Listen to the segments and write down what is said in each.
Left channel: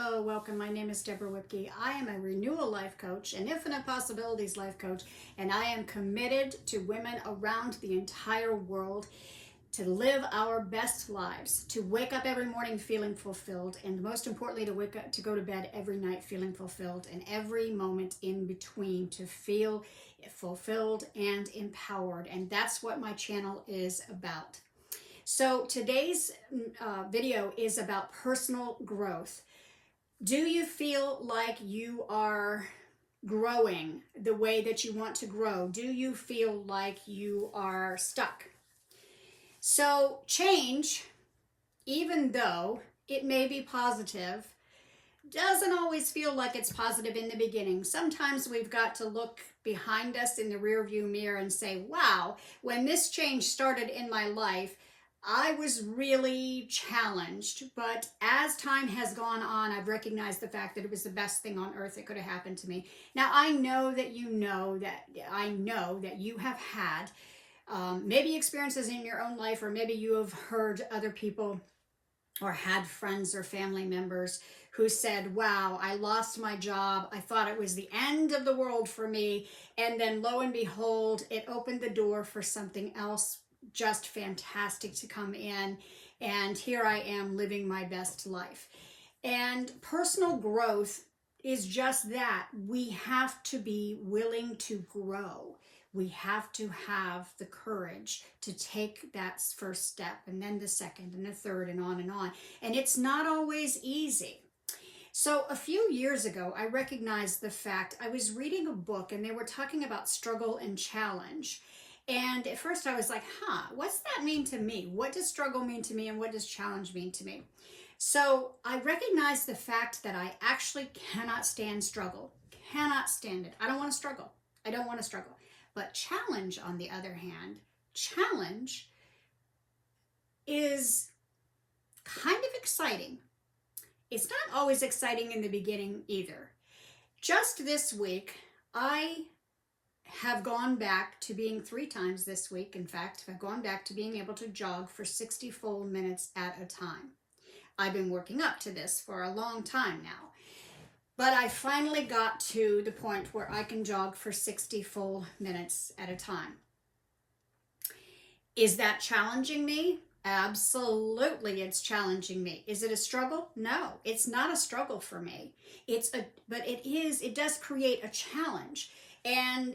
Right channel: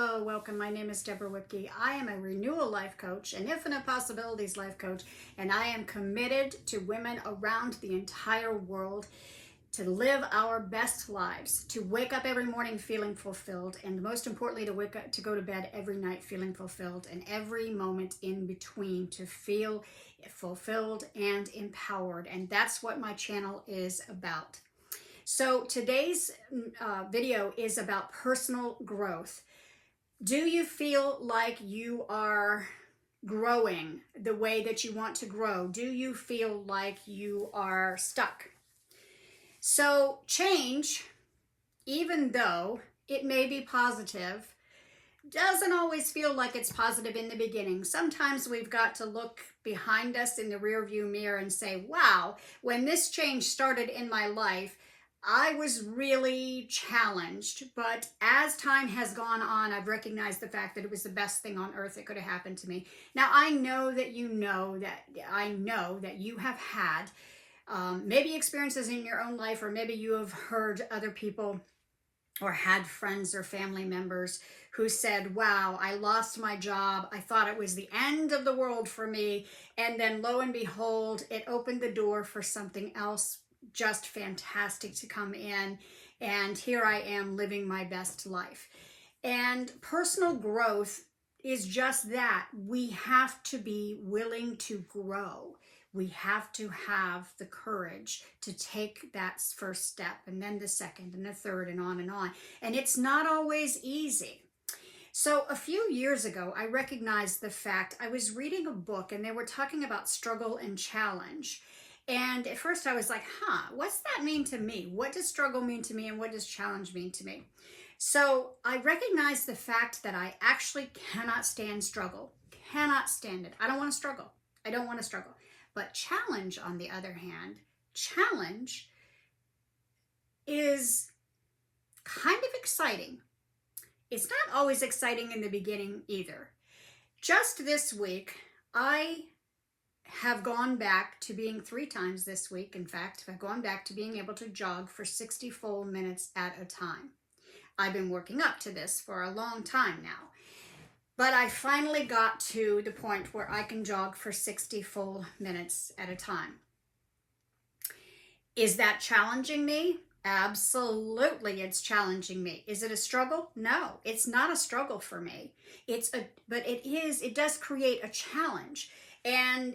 Hello, welcome. My name is Deborah Whitke. I am a renewal life coach, an infinite possibilities life coach, and I am committed to women around the entire world to live our best lives, to wake up every morning feeling fulfilled, and most importantly, to go to bed every night feeling fulfilled, and every moment in between to feel fulfilled and empowered. And that's what my channel is about. So today's video is about personal growth. Do you feel like you are growing the way that you want to grow? Do you feel like you are stuck? So change, even though it may be positive, doesn't always feel like it's positive in the beginning. Sometimes we've got to look behind us in the rearview mirror and say, wow, when this change started in my life, I was really challenged, but as time has gone on, I've recognized the fact that it was the best thing on earth that could have happened to me. Now, I know that you have had maybe experiences in your own life, or maybe you have heard other people or had friends or family members who said, wow, I lost my job. I thought it was the end of the world for me. And then lo and behold, it opened the door for something else just fantastic to come in, and here I am living my best life. And personal growth is just that. We have to be willing to grow. We have to have the courage to take that first step, and then the second and the third, and on and on. And it's not always easy. So a few years ago, I recognized the fact, I was reading a book and they were talking about struggle and challenge. And at first I was like, what's that mean to me? What does struggle mean to me, and what does challenge mean to me? So I recognized the fact that I actually cannot stand struggle, cannot stand it. I don't want to struggle. I don't want to struggle. But challenge, on the other hand, challenge is kind of exciting. It's not always exciting in the beginning either. Just this week, I have gone back to being 3 times this week. In fact, I've gone back to being able to jog for 60 full minutes at a time. I've been working up to this for a long time now, but I finally got to the point where I can jog for 60 full minutes at a time. Is that challenging me? Absolutely, it's challenging me. Is it a struggle? No, it's not a struggle for me. But it does create a challenge. And,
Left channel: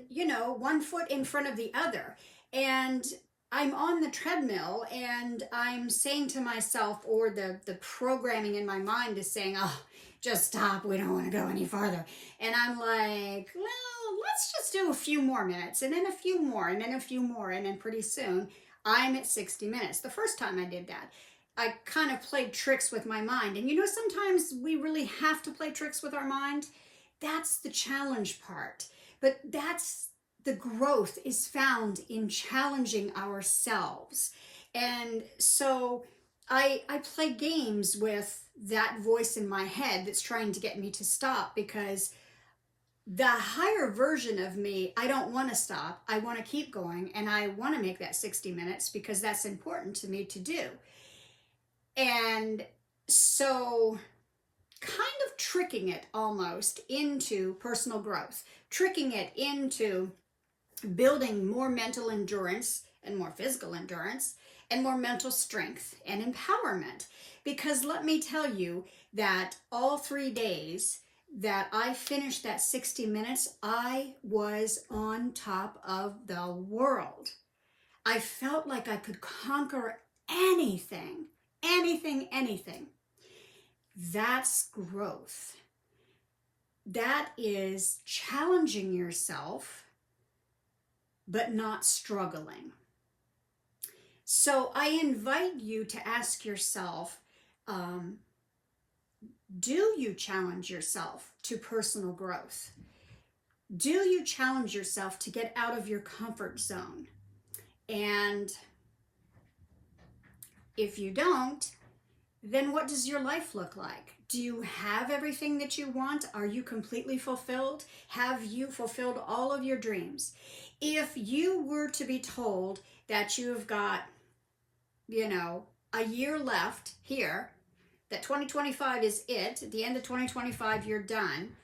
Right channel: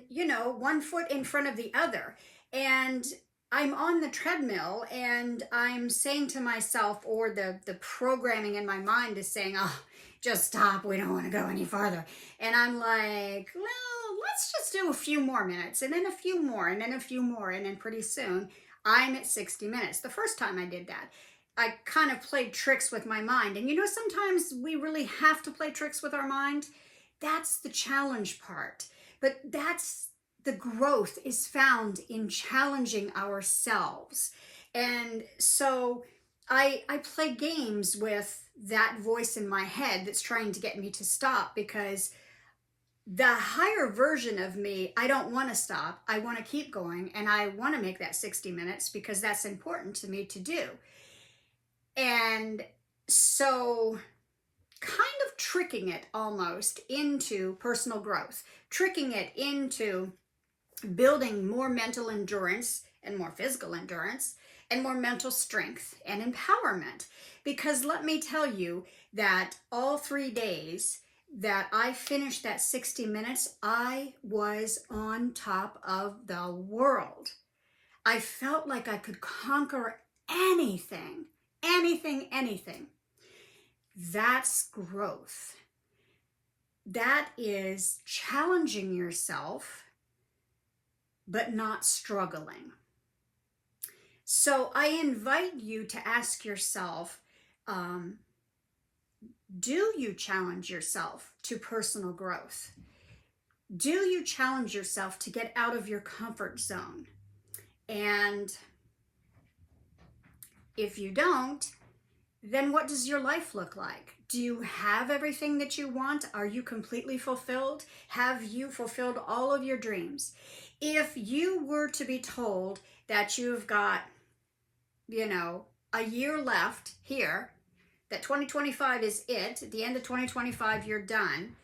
one foot in front of the other. And I'm on the treadmill and I'm saying to myself, or the programming in my mind is saying, oh, just stop. We don't want to go any farther. And I'm like, well, let's just do a few more minutes, and then a few more, and then a few more. And then pretty soon I'm at 60 minutes. The first time I did that, I kind of played tricks with my mind. And sometimes we really have to play tricks with our mind. That's the challenge part. But that's the growth is found in challenging ourselves. And so I play games with that voice in my head that's trying to get me to stop, because the higher version of me, I don't want to stop. I want to keep going, and I want to make that 60 minutes because that's important to me to do. And so kind of tricking it almost into personal growth, tricking it into building more mental endurance and more physical endurance and more mental strength and empowerment. Because let me tell you that all 3 days that I finished that 60 minutes, I was on top of the world. I felt like I could conquer anything. That's growth. That is challenging yourself, but not struggling. So I invite you to ask yourself, do you challenge yourself to personal growth? Do you challenge yourself to get out of your comfort zone? And if you don't, then what does your life look like? Do you have everything that you want? Are you completely fulfilled? Have you fulfilled all of your dreams? If you were to be told that you've got, a year left here, that 2025 is it. At the end of 2025, you're done.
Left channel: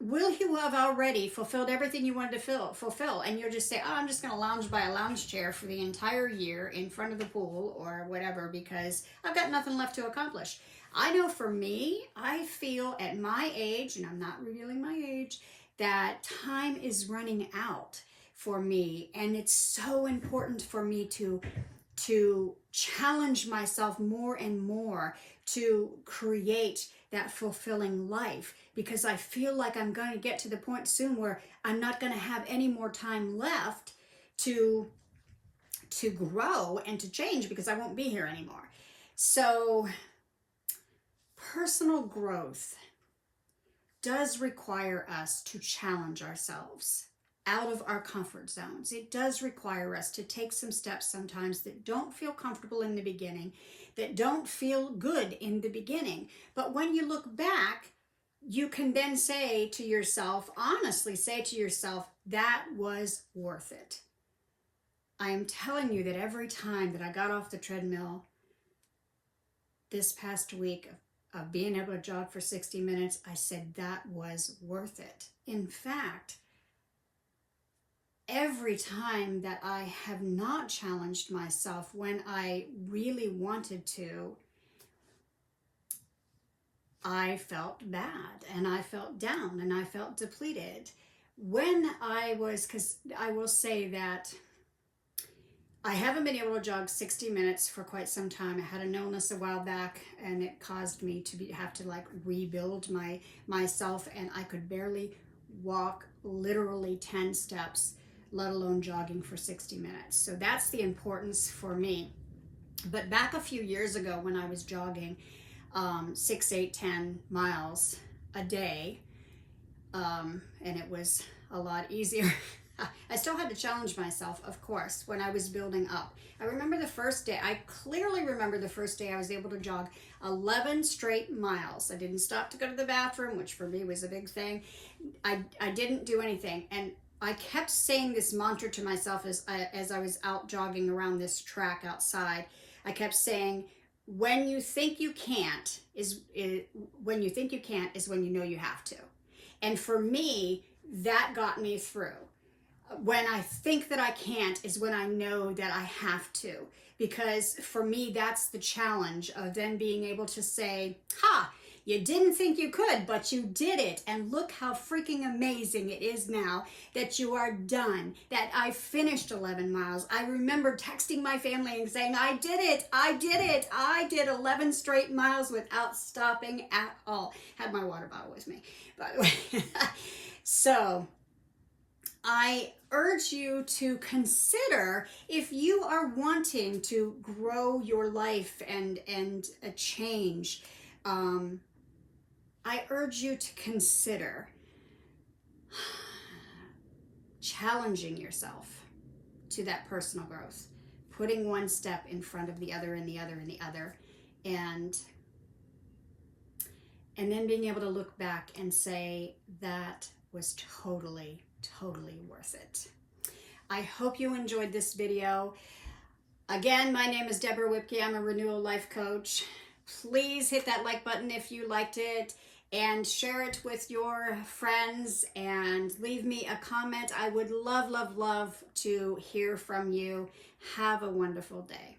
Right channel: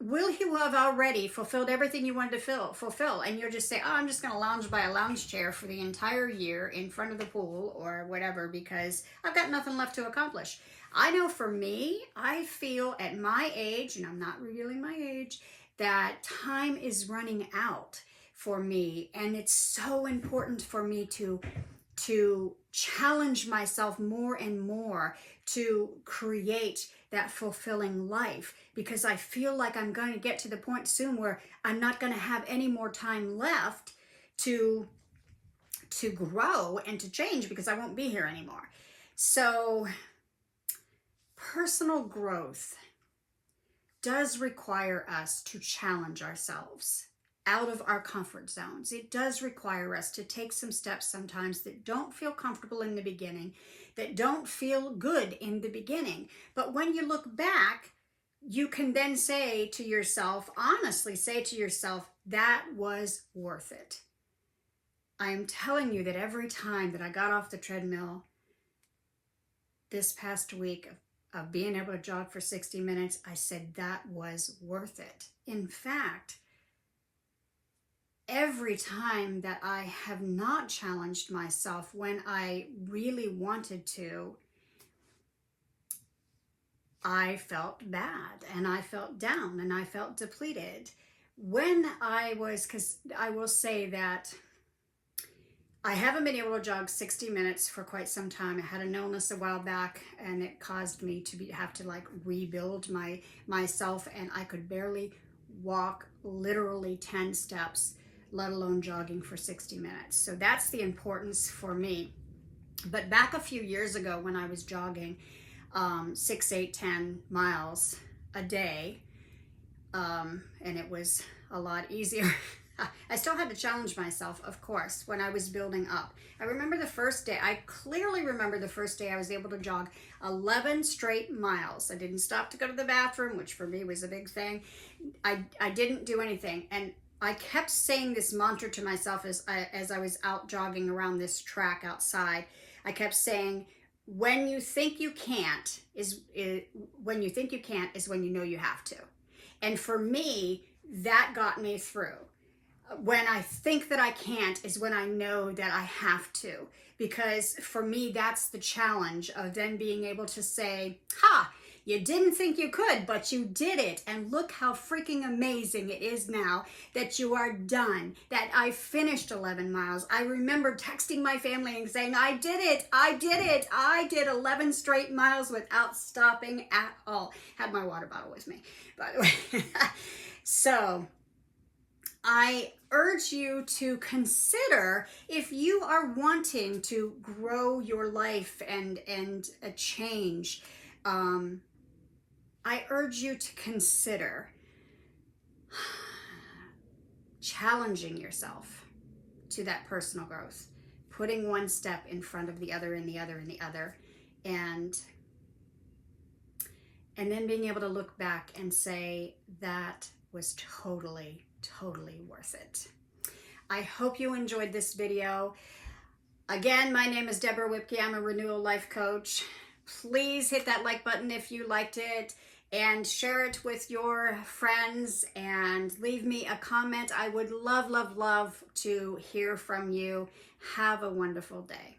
Will you have already fulfilled everything you wanted to fulfill? And you're just saying, oh, I'm just going to lounge by a lounge chair for the entire year in front of the pool or whatever because I've got nothing left to accomplish. I know for me, I feel at my age, and I'm not revealing my age, that time is running out for me. And it's so important for me to challenge myself more and more to create that fulfilling life, because I feel like I'm going to get to the point soon where I'm not going to have any more time left to grow and to change because I won't be here anymore. So personal growth does require us to challenge ourselves out of our comfort zones. It does require us to take some steps sometimes that don't feel comfortable in the beginning, that don't feel good in the beginning. But when you look back, you can then say to yourself, honestly say to yourself, that was worth it. I am telling you that every time that I got off the treadmill this past week of being able to jog for 60 minutes, I said that was worth it. In fact, every time that I have not challenged myself when I really wanted to, I felt bad and I felt down and I felt depleted. Because I will say that I haven't been able to jog 60 minutes for quite some time. I had an illness a while back and it caused me to have to rebuild myself, and I could barely walk literally 10 steps, let alone jogging for 60 minutes. So that's the importance for me. But back a few years ago when I was jogging 6, 8, 10 miles a day, and it was a lot easier. I still had to challenge myself, of course, when I was building up. I remember the first day, I clearly remember the first day I was able to jog 11 straight miles. I didn't stop to go to the bathroom, which for me was a big thing. I didn't do anything. And I kept saying this mantra to myself as I was out jogging around this track outside. I kept saying, when you think you can't is when you know you have to. And for me, that got me through. When I think that I can't is when I know that I have to. Because for me, that's the challenge of then being able to say, you didn't think you could, but you did it. And look how freaking amazing it is now that you are done, that I finished 11 miles. I remember texting my family and saying, I did it. I did 11 straight miles without stopping at all. Had my water bottle with me, by the way. So I urge you to consider, if you are wanting to grow your life and a change, I urge you to consider challenging yourself to that personal growth, putting one step in front of the other and the other and the other, and then being able to look back and say that was totally worth it. I hope you enjoyed this video. Again, my name is Deborah Whipke. I'm a renewal life coach. Please hit that like button if you liked it, and share it with your friends, and leave me a comment. I would love to hear from you. Have a wonderful day.